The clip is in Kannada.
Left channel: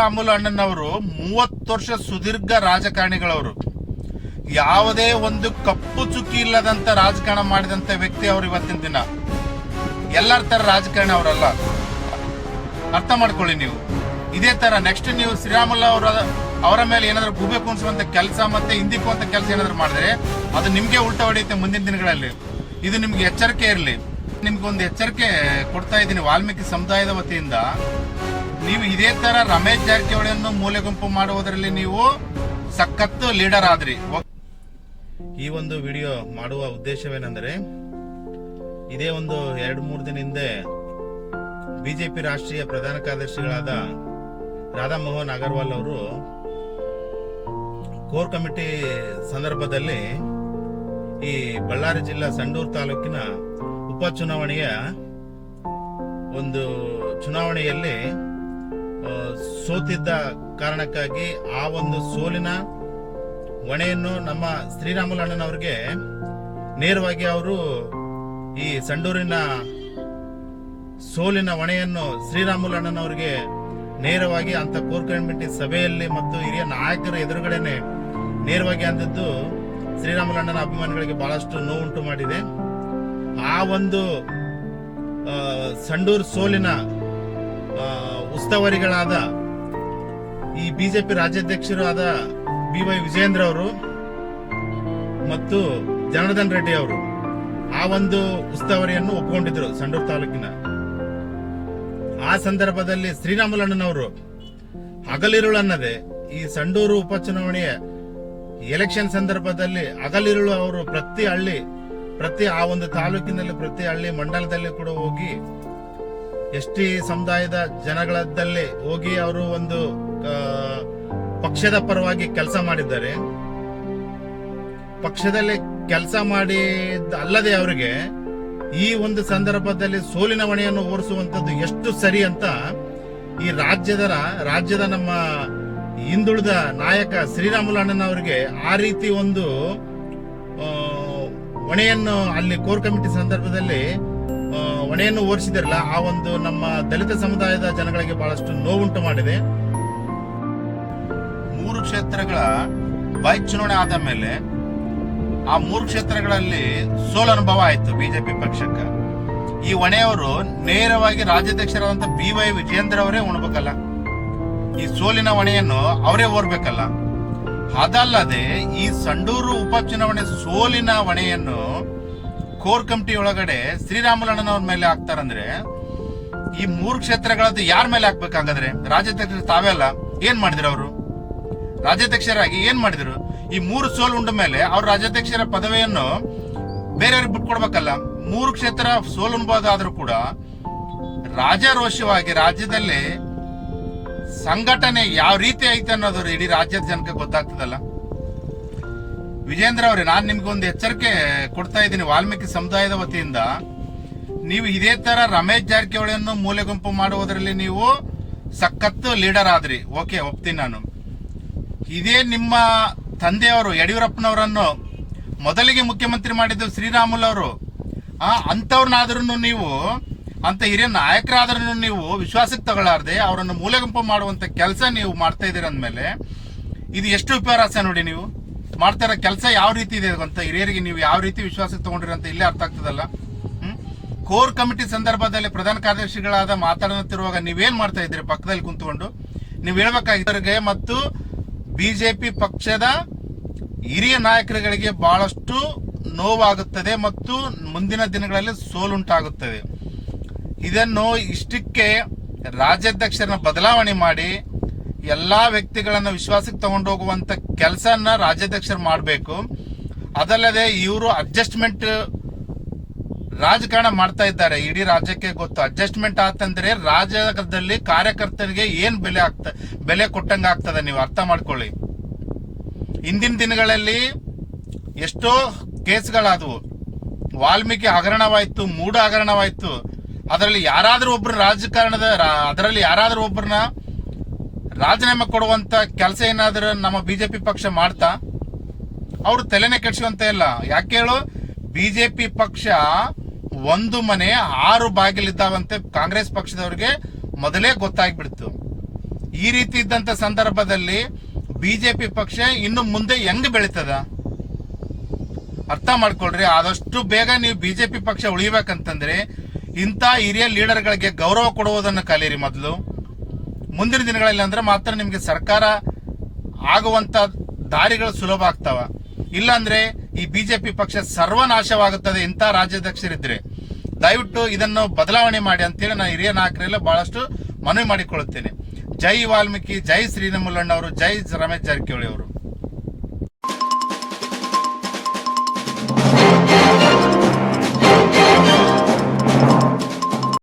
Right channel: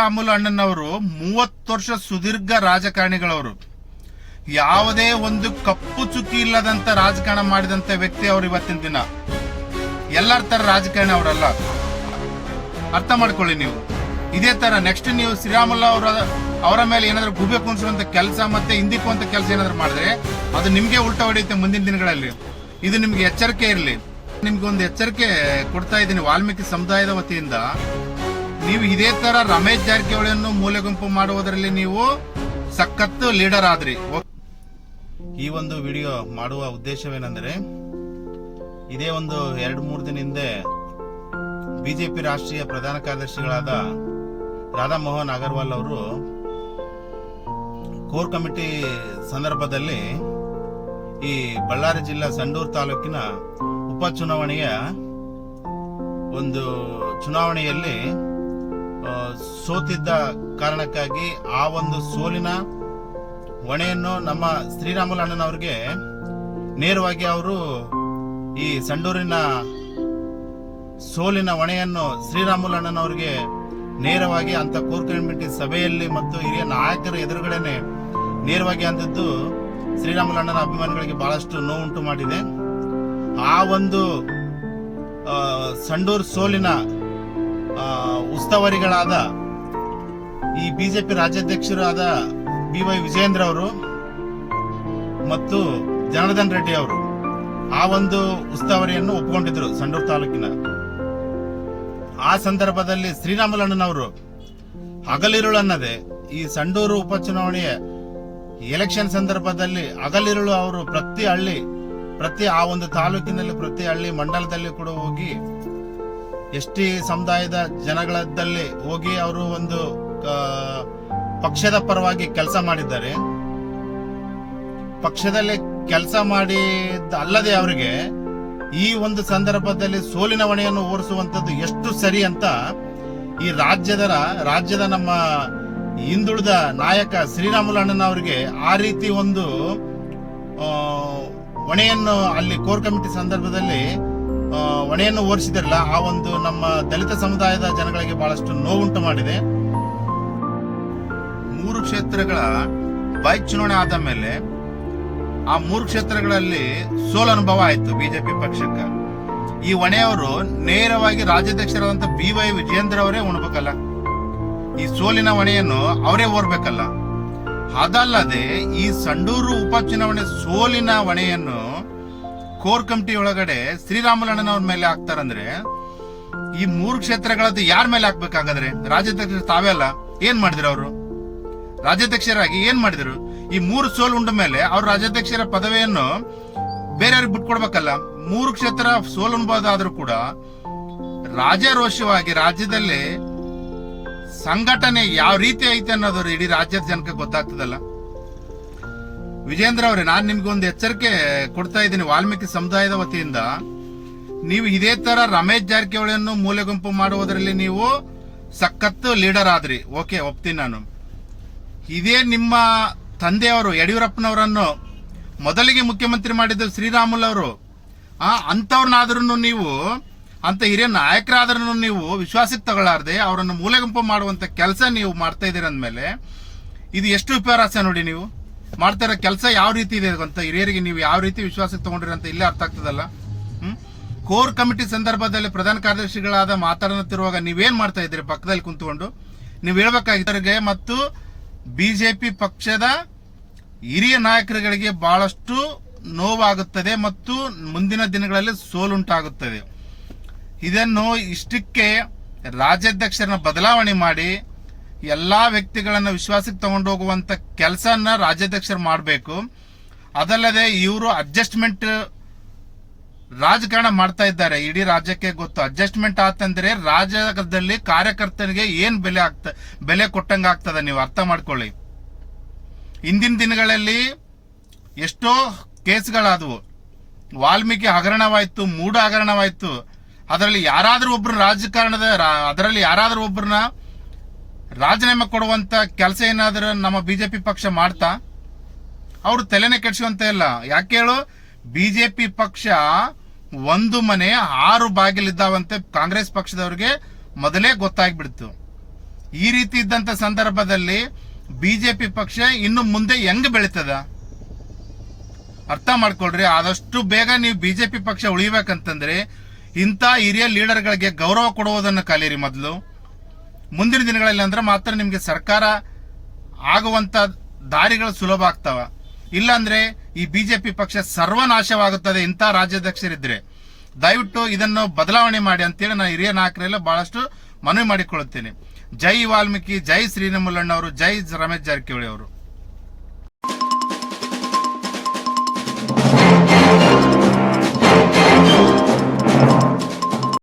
ಶ್ರೀರಾಮುಲು ಅಣ್ಣನವರು 30 ವರ್ಷ ಸುದೀರ್ಘ ರಾಜಕಾರಣಿಗಳವರು. ಯಾವುದೇ ಒಂದು ಕಪ್ಪು ಚುಕ್ಕಿ ಇಲ್ಲದಂತ ರಾಜಕಾರಣ ಮಾಡಿದಂತ ವ್ಯಕ್ತಿ ಅವರು. ಇವತ್ತಿನ ದಿನ ಎಲ್ಲರ ತರ ರಾಜಕಾರಣಿ ಅವರಲ್ಲ, ಅರ್ಥ ಮಾಡ್ಕೊಳ್ಳಿ ನೀವು. ಇದೇ ತರ ನೆಕ್ಸ್ಟ್ ನೀವು ಶ್ರೀರಾಮುಲು ಅವರ ಮೇಲೆ ಏನಾದ್ರು ಗುಬೆ ಕುಣಿಸುವಂತ ಕೆಲಸ ಮತ್ತೆ ಹಿಂದಿಕ್ಕುವಂತ ಕೆಲಸ ಏನಾದ್ರು ಮಾಡಿದ್ರೆ ಅದು ನಿಮ್ಗೆ ಉಲ್ಟಾ ಹೊಡೆಯುತ್ತೆ ಮುಂದಿನ ದಿನಗಳಲ್ಲಿ. ಇದು ನಿಮ್ಗೆ ಎಚ್ಚರಿಕೆ ಇರಲಿ. ನಿಮ್ಗೆ ಒಂದು ಎಚ್ಚರಿಕೆ ಕೊಡ್ತಾ ಇದ್ದೀನಿ ವಾಲ್ಮೀಕಿ ಸಮುದಾಯದ ವತಿಯಿಂದ. ನೀವು ಇದೇ ತರ ರಮೇಶ್ ಜಾರಕಿಹೊಳಿಯನ್ನು ಮೂಲೆ ಗುಂಪು ಮಾಡುವುದರಲ್ಲಿ ನೀವು ಸಖತ್ತು ಲೀಡರ್ ಆದ್ರಿ. ಈ ಒಂದು ವಿಡಿಯೋ ಮಾಡುವ ಉದ್ದೇಶವೇನೆಂದರೆ, ಇದೇ ಒಂದು 2-3 ದಿನ ಹಿಂದೆ ಬಿಜೆಪಿ ರಾಷ್ಟ್ರೀಯ ಪ್ರಧಾನ ಕಾರ್ಯದರ್ಶಿಗಳಾದ ರಾಧಾ ಮೋಹನ್ ಅಗರ್ವಾಲ್ ಅವರು ಕೋರ್ ಕಮಿಟಿ ಸಂದರ್ಭದಲ್ಲಿ ಈ ಬಳ್ಳಾರಿ ಜಿಲ್ಲಾ ಸಂಡೂರು ತಾಲೂಕಿನ ಉಪಚುನಾವಣೆಯ ಒಂದು ಚುನಾವಣೆಯಲ್ಲಿ ಸೋತಿದ್ದ ಕಾರಣಕ್ಕಾಗಿ ಆ ಒಂದು ಸೋಲಿನ ಹೊಣೆಯನ್ನು ನಮ್ಮ ಶ್ರೀರಾಮುಲು ಅಣ್ಣನವರಿಗೆ ನೇರವಾಗಿ ಅವರು ಈ ಸಂಡೂರಿನ ಸೋಲಿನ ಹೊಣೆಯನ್ನು ಶ್ರೀರಾಮುಲು ಅಣ್ಣನವರಿಗೆ ನೇರವಾಗಿ ಅಂತ ಕೋರ್ ಕಮಿಟಿ ಸಭೆಯಲ್ಲಿ ಮತ್ತು ಹಿರಿಯ ನಾಯಕರ ಎದುರುಗಡೆನೆ ನೇರವಾಗಿ ಅಂದಿದ್ದು ಶ್ರೀರಾಮುಲು ಅಣ್ಣನ ಅಭಿಮಾನಿಗಳಿಗೆ ಬಹಳಷ್ಟು ನೋವುಂಟು ಮಾಡಿದೆ. ಆ ಒಂದು ಸಂಡೂರು ಸೋಲಿನ ಉಸ್ತುವಾರಿಗಳಾದ ಈ ಬಿಜೆಪಿ ರಾಜ್ಯಾಧ್ಯಕ್ಷರು ಆದ BY ವಿಜಯೇಂದ್ರ ಅವರು ಮತ್ತು ಜನಾರ್ದನ್ ರೆಡ್ಡಿ ಅವರು ಆ ಒಂದು ಉಸ್ತುವಾರಿಯನ್ನು ಒಪ್ಪಿಕೊಂಡಿದ್ರು ಸಂಡೂರು ತಾಲೂಕಿನ. ಆ ಸಂದರ್ಭದಲ್ಲಿ ಶ್ರೀರಾಮುಲು ಅಣ್ಣನವರು ಹಗಲಿರುಳನ್ನದೆ ಈ ಸಂಡೂರು ಉಪಚುನಾವಣೆಯ ಎಲೆಕ್ಷನ್ ಸಂದರ್ಭದಲ್ಲಿ ಹಗಲಿರುಳು ಅವರು ಪ್ರತಿ ಹಳ್ಳಿ, ಪ್ರತಿ ಆ ಒಂದು ತಾಲೂಕಿನಲ್ಲಿ ಪ್ರತಿ ಹಳ್ಳಿ ಮಂಡಲದಲ್ಲಿ ಕೂಡ ಹೋಗಿ ST ಸಮುದಾಯದ ಜನಗಳದಲ್ಲಿ ಹೋಗಿ ಅವರು ಒಂದು ಪಕ್ಷದ ಪರವಾಗಿ ಕೆಲಸ ಮಾಡಿದ್ದಾರೆ. ಪಕ್ಷದಲ್ಲಿ ಕೆಲಸ ಮಾಡಿದ ಅಲ್ಲದೆ ಅವರಿಗೆ ಈ ಒಂದು ಸಂದರ್ಭದಲ್ಲಿ ಸೋಲಿನ ಹೊಣೆಯನ್ನು ಹೊರಿಸುವಂತದ್ದು ಎಷ್ಟು ಸರಿ ಅಂತ ಈ ರಾಜ್ಯದ ನಮ್ಮ ಹಿಂದುಳಿದ ನಾಯಕ ಶ್ರೀರಾಮುಲು ಅಣ್ಣನವರಿಗೆ ಆ ರೀತಿ ಒಂದು ಹೊಣೆಯನ್ನು ಅಲ್ಲಿ ಕೋರ್ ಕಮಿಟಿ ಸಂದರ್ಭದಲ್ಲಿ ಹೊಣೆಯನ್ನು ಹೊರಿಸಿದಾರಲ್ಲ, ಆ ಒಂದು ನಮ್ಮ ದಲಿತ ಸಮುದಾಯದ ಜನಗಳಿಗೆ ಬಹಳಷ್ಟು ನೋವುಂಟು ಮಾಡಿದೆ. 3 ಕ್ಷೇತ್ರಗಳ ಬೈ ಚುನಾವಣೆ ಆದ ಮೇಲೆ ಆ 3 ಕ್ಷೇತ್ರಗಳಲ್ಲಿ ಸೋಲು ಅನುಭವ ಆಯ್ತು ಬಿಜೆಪಿ ಪಕ್ಷಕ್ಕೆ. ಈ ಹೊಣೆಯವರು ನೇರವಾಗಿ ರಾಜ್ಯಾಧ್ಯಕ್ಷರಾದಂತ BY ವಿಜಯೇಂದ್ರ ಅವರೇ ಉಣಬೇಕಲ್ಲ, ಈ ಸೋಲಿನ ಹೊಣೆಯನ್ನು ಅವರೇ ಹೊರಬೇಕಲ್ಲ. ಅದಲ್ಲದೆ ಈ ಸಂಡೂರು ಉಪಚುನಾವಣೆ ಸೋಲಿನ ಹೊಣೆಯನ್ನು ಕೋರ್ ಕಮಿಟಿ ಒಳಗಡೆ ಶ್ರೀರಾಮುಲು ಅಣ್ಣನವ್ರ ಮೇಲೆ ಹಾಕ್ತಾರಂದ್ರೆ ಈ 3 ಕ್ಷೇತ್ರಗಳದ್ದು ಯಾರ ಮೇಲೆ ಹಾಕ್ಬೇಕಾಗಾದ್ರೆ? ರಾಜ್ಯಾಧ್ಯಕ್ಷರು ತಾವೇ ಅಲ್ಲ, ಏನ್ ಮಾಡಿದ್ರು ಅವರು? ರಾಜ್ಯಾಧ್ಯಕ್ಷರಾಗಿ ಏನ್ ಮಾಡಿದ್ರು? ಈ 3 ಸೋಲು ಉಂಡ ಮೇಲೆ ಅವ್ರ ರಾಜ್ಯಾಧ್ಯಕ್ಷರ ಪದವಿಯನ್ನು ಬೇರೆಯವ್ರಿಗೆ ಬಿಟ್ಕೊಡ್ಬೇಕಲ್ಲ. 3 ಕ್ಷೇತ್ರ ಸೋಲು ಅನ್ಬೋದಾದ್ರೂ ಕೂಡ ರಾಜಾರೋಷವಾಗಿ ರಾಜ್ಯದಲ್ಲಿ ಸಂಘಟನೆ ಯಾವ ರೀತಿ ಐತೆ ಅನ್ನೋದು ಇಡೀ ರಾಜ್ಯದ ಜನಕ್ಕೆ ಗೊತ್ತಾಗ್ತದಲ್ಲ. ವಿಜೇಂದ್ರ ಅವರೇ, ನಾನು ನಿಮ್ಗೊಂದು ಎಚ್ಚರಿಕೆ ಕೊಡ್ತಾ ಇದ್ದೀನಿ ವಾಲ್ಮೀಕಿ ಸಮುದಾಯದ ವತಿಯಿಂದ. ನೀವು ಇದೇ ತರ ರಮೇಶ್ ಜಾರಕಿಹೊಳಿಯನ್ನು ಮೂಲೆ ಗುಂಪು ಮಾಡುವುದರಲ್ಲಿ ನೀವು ಸಖತ್ತು ಲೀಡರ್ ಆದ್ರಿ. ಓಕೆ, ಒಪ್ತೀನಿ ನಾನು. ಇದೇ ನಿಮ್ಮ ತಂದೆಯವರು ಯಡಿಯೂರಪ್ಪನವರನ್ನು ಮೊದಲಿಗೆ ಮುಖ್ಯಮಂತ್ರಿ ಮಾಡಿದ್ದು ಶ್ರೀರಾಮುಲು ಅವರು. ಅಂತವ್ರನ್ನಾದ್ರೂ ನೀವು, ಅಂತ ಹಿರಿಯ ನಾಯಕರಾದ್ರೂ ನೀವು ವಿಶ್ವಾಸಕ್ಕೆ ತಗೊಳ್ಳಾರ್ದೆ ಅವರನ್ನು ಮೂಲೆ ಗುಂಪು ಮಾಡುವಂತ ಕೆಲಸ ನೀವು ಮಾಡ್ತಾ ಇದ್ದೀರ ಅಂದ್ಮೇಲೆ ಇದು ಎಷ್ಟು ವಿಪರ್ಯಾಸ ನೋಡಿ. ನೀವು ಮಾಡ್ತಾ ಇರೋ ಕೆಲಸ ಯಾವ ರೀತಿ ಇದೆ ಅಂತ ಹಿರಿಯರಿಗೆ ನೀವು ಯಾವ ರೀತಿ ವಿಶ್ವಾಸಕ್ಕೆ ತಗೊಂಡ್ರಿ ಅಂತ ಇಲ್ಲೇ ಅರ್ಥ ಆಗ್ತದಲ್ಲ. ಕೋರ್ ಕಮಿಟಿ ಸಂದರ್ಭದಲ್ಲಿ ಪ್ರಧಾನ ಕಾರ್ಯದರ್ಶಿಗಳಾದ ಮಾತಾಡುತ್ತಿರುವಾಗ ನೀವೇನ್ ಮಾಡ್ತಾ ಇದ್ದೀರಿ? ಪಕ್ಕದಲ್ಲಿ ಕುಂತ್ಕೊಂಡು ನೀವು ಹೇಳ್ಬೇಕಾಗಿದ್ದರಿಗೆ ಮತ್ತು ಬಿಜೆಪಿ ಪಕ್ಷದ ಹಿರಿಯ ನಾಯಕರುಗಳಿಗೆ ಬಹಳಷ್ಟು ನೋವಾಗುತ್ತದೆ ಮತ್ತು ಮುಂದಿನ ದಿನಗಳಲ್ಲಿ ಸೋಲುಂಟಾಗುತ್ತದೆ. ಇದನ್ನು ಇಷ್ಟಕ್ಕೆ ರಾಜ್ಯಾಧ್ಯಕ್ಷರನ್ನ ಬದಲಾವಣೆ ಮಾಡಿ ಎಲ್ಲಾ ವ್ಯಕ್ತಿಗಳನ್ನ ವಿಶ್ವಾಸಕ್ಕೆ ತಗೊಂಡು ಹೋಗುವಂತ ಕೆಲಸನ ರಾಜ್ಯಾಧ್ಯಕ್ಷರು ಮಾಡಬೇಕು. ಅದಲ್ಲದೆ ಇವರು ಅಡ್ಜಸ್ಟ್ಮೆಂಟ್ ರಾಜಕಾರಣ ಮಾಡ್ತಾ ಇದ್ದಾರೆ. ಇಡೀ ರಾಜ್ಯಕ್ಕೆ ಗೊತ್ತು. ಅಡ್ಜಸ್ಟ್ಮೆಂಟ್ ಆತಂದ್ರೆ ರಾಜ್ಯದಲ್ಲಿ ಕಾರ್ಯಕರ್ತರಿಗೆ ಏನ್ ಬೆಲೆ ಕೊಟ್ಟಂಗ ಆಗ್ತದ. ನೀವು ಅರ್ಥ ಮಾಡ್ಕೊಳ್ಳಿ. ಇಂದಿನ ದಿನಗಳಲ್ಲಿ ಎಷ್ಟೋ ಕೇಸ್ಗಳಾದವು. ವಾಲ್ಮೀಕಿ ಹಗರಣವಾಯ್ತು, ಮೂಢ ಹಗರಣವಾಯ್ತು. ಅದರಲ್ಲಿ ಯಾರಾದ್ರೂ ಒಬ್ಬರನ್ನ ರಾಜೀನಾಮೆ ಕೊಡುವಂತ ಕೆಲಸ ಏನಾದ್ರೂ ನಮ್ಮ ಬಿಜೆಪಿ ಪಕ್ಷ ಮಾಡ್ತಾ? ಅವರು ತಲೆನೇ ಕೆಡಿಸುವಂತ ಇಲ್ಲ. ಯಾಕೆ ಹೇಳು? ಬಿಜೆಪಿ ಪಕ್ಷ 1 ಮನೆ 6 ಬಾಗಿಲಿದ್ದಾವಂತೆ ಕಾಂಗ್ರೆಸ್ ಪಕ್ಷದವ್ರಿಗೆ ಮೊದಲೇ ಗೊತ್ತಾಗ್ಬಿಡ್ತು. ಈ ರೀತಿ ಇದ್ದಂತ ಸಂದರ್ಭದಲ್ಲಿ ಬಿಜೆಪಿ ಪಕ್ಷ ಇನ್ನು ಮುಂದೆ ಹೆಂಗ್ ಬೆಳೀತದ ಅರ್ಥ ಮಾಡ್ಕೊಳ್ರಿ. ಆದಷ್ಟು ಬೇಗ ನೀವು ಬಿಜೆಪಿ ಪಕ್ಷ ಉಳಿಬೇಕಂತಂದ್ರೆ ಇಂಥ ಹಿರಿಯ ಲೀಡರ್ಗಳಿಗೆ ಗೌರವ ಕೊಡುವುದನ್ನು ಕಲೀರಿ ಮೊದಲು. ಮುಂದಿನ ದಿನಗಳಲ್ಲಿ ಅಂದ್ರೆ ಮಾತ್ರ ನಿಮಗೆ ಸರ್ಕಾರ ಆಗುವಂತ ದಾರಿಗಳು ಸುಲಭ ಆಗ್ತಾವ. ಇಲ್ಲಾಂದ್ರೆ ಈ ಬಿಜೆಪಿ ಪಕ್ಷ ಸರ್ವನಾಶವಾಗುತ್ತದೆ ಇಂಥ ರಾಜ್ಯಾಧ್ಯಕ್ಷರಿದ್ರೆ. ದಯವಿಟ್ಟು ಇದನ್ನು ಬದಲಾವಣೆ ಮಾಡಿ ಅಂತೇಳಿ ನಾನು ಹಿರಿಯ ನಾಯಕರೆಲ್ಲ ಬಹಳಷ್ಟು ಮನವಿ ಮಾಡಿಕೊಳ್ಳುತ್ತೇನೆ. ಜೈ ವಾಲ್ಮೀಕಿ, ಜೈ ಶ್ರೀರಾಮುಲುಣ್ಣವರು, ಜೈ ರಮೇಶ್ ಜಾರಕಿಹೊಳಿ ಅವರು.